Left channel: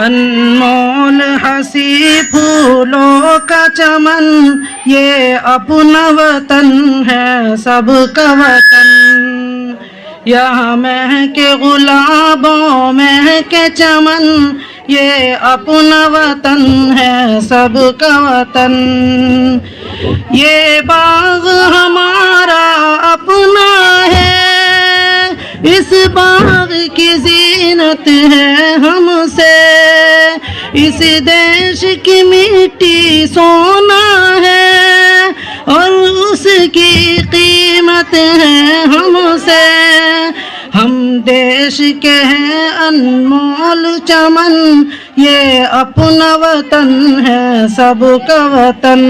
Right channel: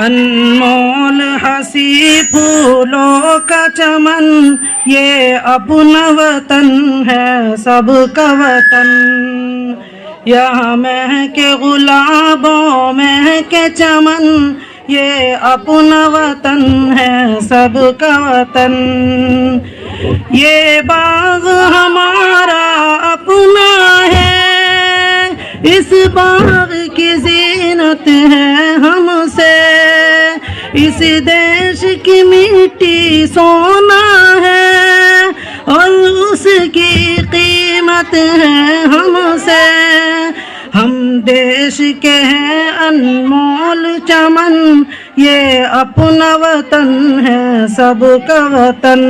अनमोल हंसी फूलों का चमन, ये अपना वतन है सबका वतन। यहाँ महके गुलाबों महके चमन, ये अपना वतन है सबका वतन। ये बाग हमारा अपना है, इस बाग की जीनत है हमसे। इस देश की मिट्टी सोना है और उसकी कीमत है हमसे। हम देश के हैं अनमोल चमन, ये अपना वतन है सबका वतन।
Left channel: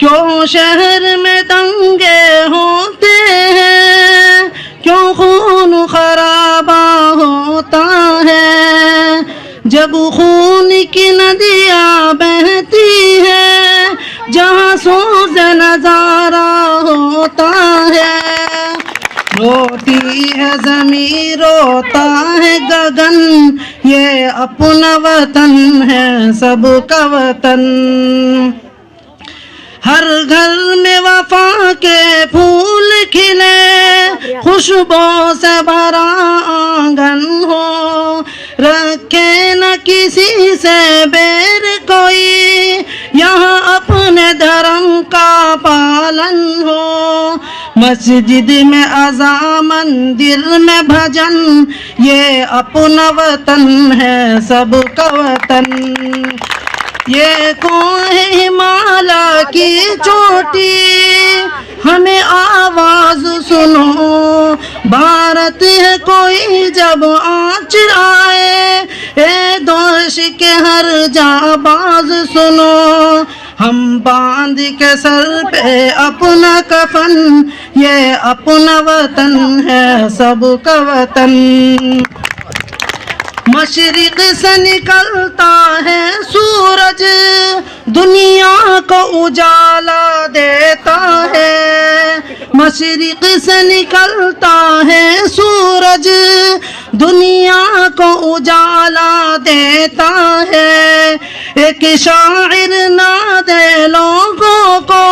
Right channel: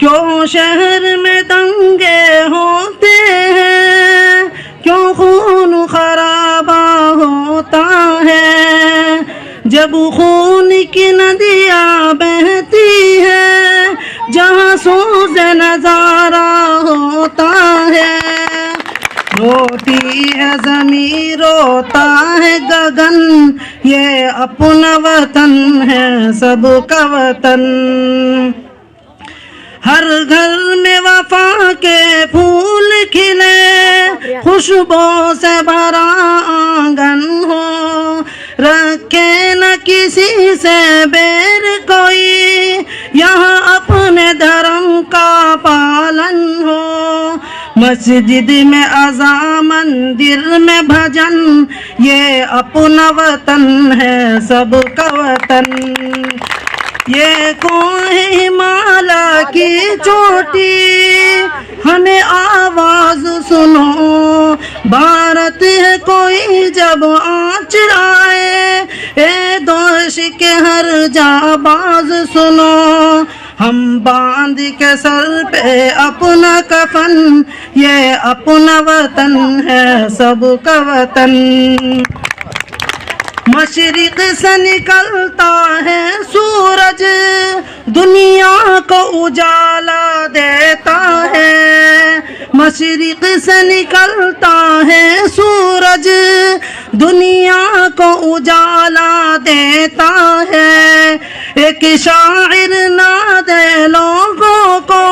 क्यों शहर में दंगे होते हैं, क्यों खून खराबा होता है, जब खून की नदियाँ बहती है, जहाँ सूज़ नजारा होता है। रोती है ज़मीं रोता है गगन, ये अपना वतन है सबका वतन। हर घर में वफा के फूल खिले, खुशबू से भरा आंगन हो, रखे न किसी से बैर कोई, यहाँ अपने धर्म का पालन हो। मस्जिद में अज़ा मंदिर में भजन, ये अपना वतन है सबका वतन। ये कौन है हिमालय की चोटी, हमें आवाज सुनो, भारत है कोई जब आँच आए, ए दोष के हर जाबाज सुनो। हम बांध के सर पे अपना कफन, ये अपना वतन है सबका वतन। मशरिक से निकलता है सूरज, दुनिया को उजाला देता है। मशरिक से निकलता है सूरज, दुनिया को उजाला देता है। एक शायर ना दे लोगों को,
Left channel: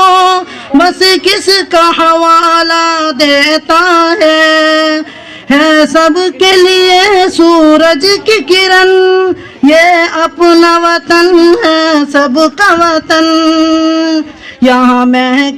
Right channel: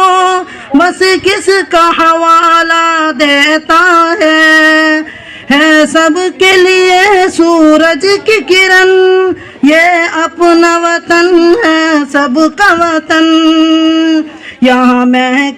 बस किसका हवाला देता है सबके लिए सूरज की किरण, ये अपना वतन है सबका वतन। यहाँ महके